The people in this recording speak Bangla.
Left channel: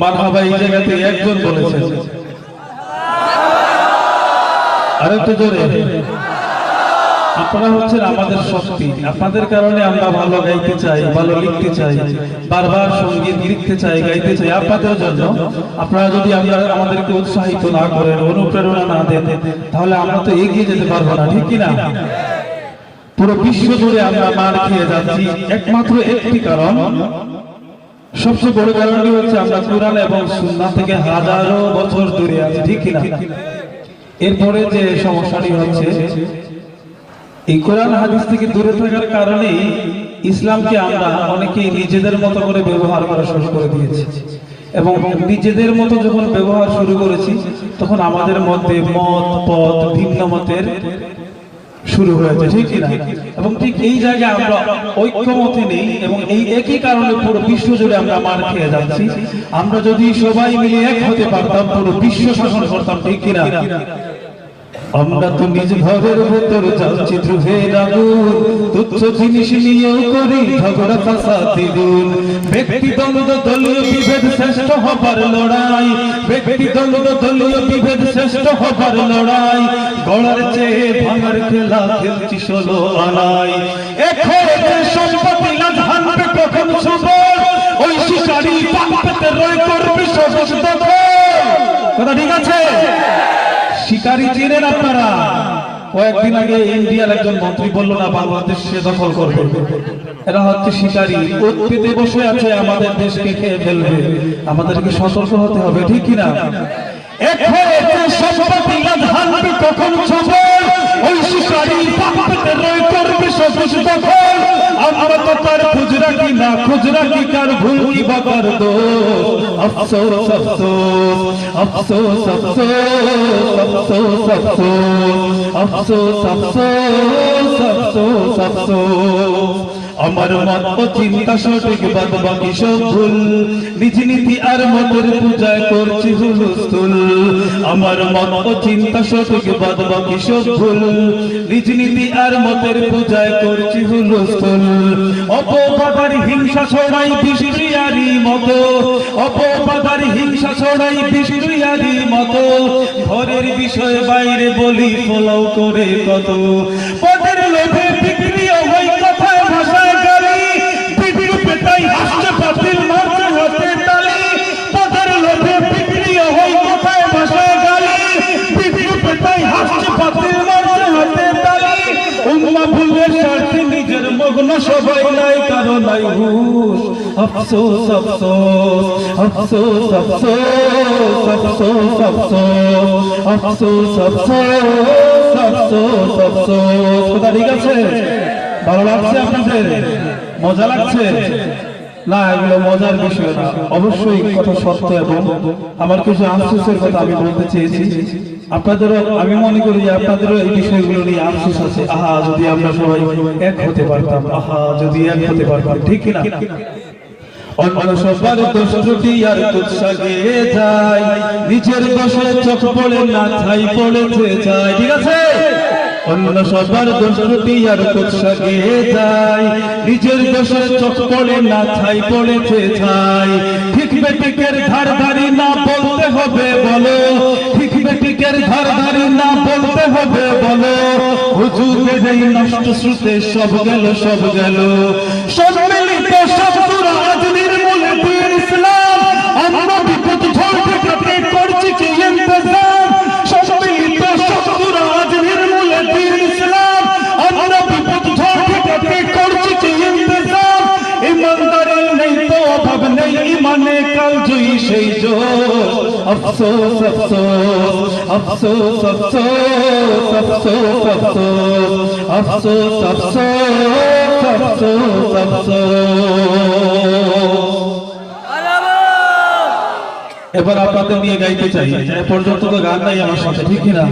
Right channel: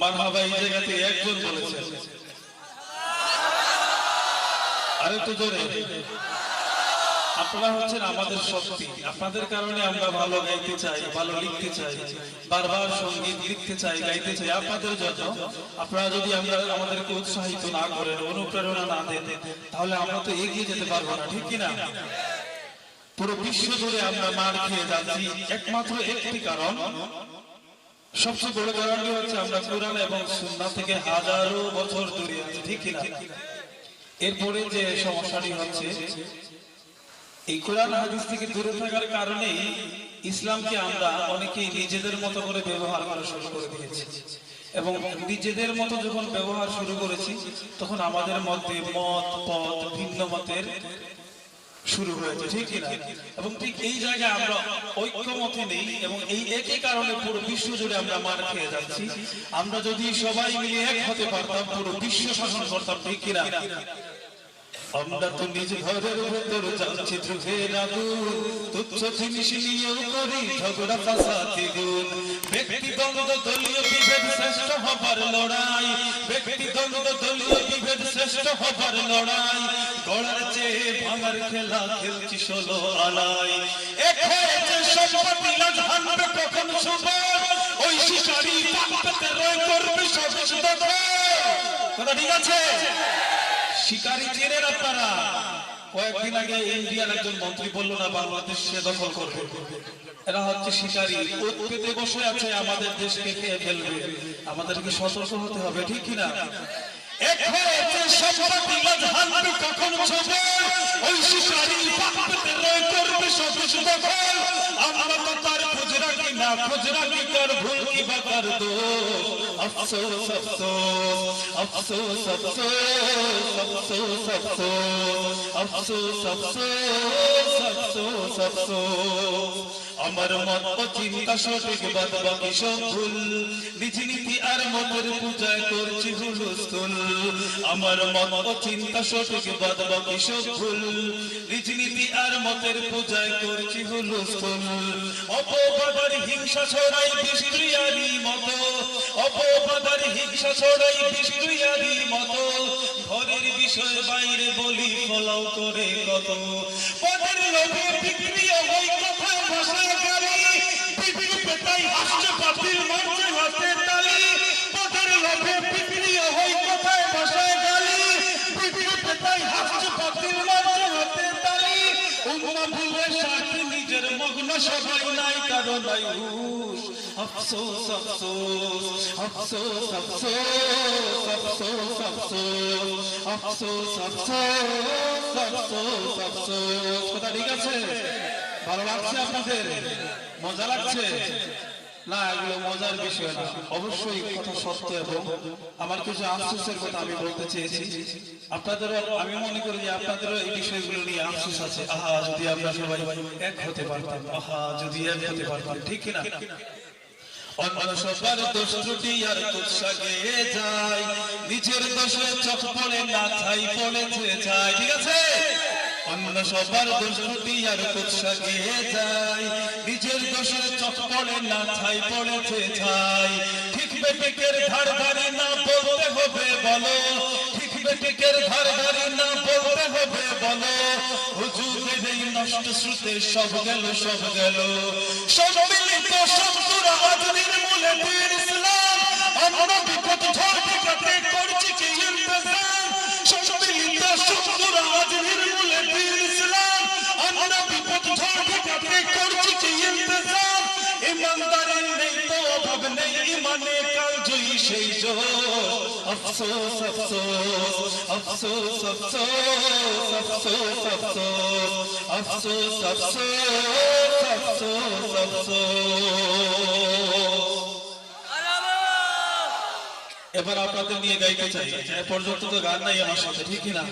মারহাবা এই জায়গাতে একজন বলেছেন, আরে তো জোরে। আপনারা হচ্ছেন আমাদের শক্তি, আপনাদের কারণে আমরা ভালো গাইতে চাই, ভালো লিখতে চাই, বারবার সঙ্গীত লিখতে চাই, গাইতে চাই আপনাদের জন্য। আপনারা যদি আমাদেরকে উৎসাহিত না করেন, অনুপ্রেরণা না দেন, তাহলে আমরা তো এগিয়ে যেতে পারবো না, ঠিক কিনা? পুরো বিশ্ব জুড়ে আমরা মার খেয়ে যাচ্ছি একমাত্র একটি কারণ, সবচেয়ে বড় কারণটি হচ্ছে আমরা কুরআন এবং সুন্নাহ থেকে হাজারো বছর দূরে আছি, ঠিক কিনা? এরপরে যে সমস্যাটি হচ্ছে, এই কোরআন হাদিস থেকে দূরে থাকার কারণে ইসলামকে আমরা অনেকেই নিজেদের মতো করে ব্যবহার করা শুরু করে দিয়েছি, এবং নিজেদের মতো যখন ব্যবহার শুরু করেছি তখন আমাদের মধ্যে মত পথ ভিন্ন মতের শুরু হয়েছে, ঠিক কিনা? এবং ঠিক এই জায়গায় আমরা ঐক্যমতে নেই, এবং এই একই কারণে পুরো বিশ্ব জুড়ে আমরা মার খেয়ে যাচ্ছি। আমরা যদি সবাই মিলে এক হতে পারতাম, পুরো বিশ্ব শাসন করতাম, ঠিক কিনা? আমরা তো নিজ ঘরের ভেতর যাচ্ছি ধ্রুবের আগুন, তুচ্ছ জিনিস নিয়েও করি ঝগড়া ফাসাদ দূর। ব্যক্তিদ্বন্দ্ব দলীয় বিভেদ শ্রেষ্ঠ হবার লড়াই, ব্যক্তিদ্বন্দ্ব দলীয় বিভেদ শ্রেষ্ঠ হবার লড়াই, গড়ার চেয়ে ভাঙার খেলা খেলছি 16 আনাই। এখন যে সম্পত্তি না জানবে কখন সবর, ওই শিকারী পাপতে রয় করবে সবস দখল। কথা ঠিক আছে? শিকারী চিনেন আপনারা? কয়েকদিন আগে ইন্ডিয়ার একজন মন্ত্রী বলল না বাংলাদেশ সে দখল করবে। এরা হচ্ছে শিকারী, উৎপেতে বসে আছে, আমাদের দেশকে খেয়ে ফেলবে। আমাদেরকে সতর্ক হতে হবে, ঠিক কিনা? কখন ছবর ওই শিকারী পাপতে রয় করবে সবুজ দখল। আমরা তো তার খুঁজ রাখি না, খুঁজ রাখি কার ভুল কি বাকার দোষ। আফসোস আফসোস আফসোস আফসোস আফসোস আফসোস আফসোস আফসোস আফসোস। আমার মত ও চিন্তা সঠিক, বাদ বাকি সব ভুল। নিজ নীতি আর মতের পূজায় করছি হুলস্থুল। আমার মত ও চিন্তা সঠিক, বাদ বাকি সব ভুল। নিজ নীতি আর মতের পূজায় করছি হুলস্থুল। অপবাদার হিংসা ছড়াই বিষ্ণুয়ারি মতো, অপবাদার হিংসা ছড়াই বিষ্ণুয়ারি মতো। ঘরের বিষয় বাইরে বলি পোলাও করে কত। পদের লোভে বিক্রি হয় কথায় ভাষায় গালি, বিক্রি পেটাই হাসতে পাতিল মারছে হাতে তালি। পদের লোভে বিক্রি হয় কথায় ভাষায় গালি, বিক্রি পেটাই হাসতে পাতিল মারছে হাতে তালি। উম্মা ভুলের স্বার্থে নিজের মগ্ন সবাই নাই কারো নাই হুঁশ। আফসোস আফসোস আফসোস আফসোস আফসোস আফসোস আফসোস আফসোস আফসোস আফসোস। কথা ঠিক আছে? ভালো লাগছে আপনাদের? মজা লাগছে না? এগুলো মজার বিষয় না, অবশ্যই কথা সত্য। এবং আমার কিছু আফসোসের কথা আমি বলতে চেয়েছি। আপনাদেরও আমি মনে করি যে আপনাদেরও এই বিষয়গুলো নিয়ে আফসোস আছে। আহা যদি আমরা সবাই এক হতে পারতাম, আহা যদি এক হতে পারতাম, ঠিক কিনা? অন্য সবার দোষ ত্রুটি আর কুৎসাগে যায়, নিজের দোষে চোখ পড়ে না ছাই পড়েছে যায়, ঠিক আছে? অন্য সবার দোষ ত্রুটি আর কুৎসাগে যায়, নিজের দোষে চোখ পড়ে না ছাই পড়েছে ছাই। ঠিক বেটিকের ধার ধারি না বলতে হবে বলো, ঠিক বেটিকের ধার ধারি না বলতে হবে বলো। হুজুরের এই নষ্ট শ্রুতে সব গেল সব গেল। সম্মিলিত শব্দরা আজ নির্মূল দিন ইসলাম, আমরা বিপদ ঝড় ঠেকাতে করছি কি ইন্তজাম। সম্মিলিত শব্দরা আজ নির্মূল দিন ইসলাম, আমরা বিপদ ঝড় ঠেকাতে করছি কি ইন্তজাম। ইমানদারের নেই তো অভাব নেই, ইমানে কাল জয়ী সেই জোর। আফসোস আফসোস আফসোস আফসোস আফসোস আফসোস আফসোস আফসোস আফসোস আফসোস। এবার আপনাদের নিয়ে গাইতে চাই, এ পর্যন্ত তো গান নাই আমার সাথে, ঠিক না?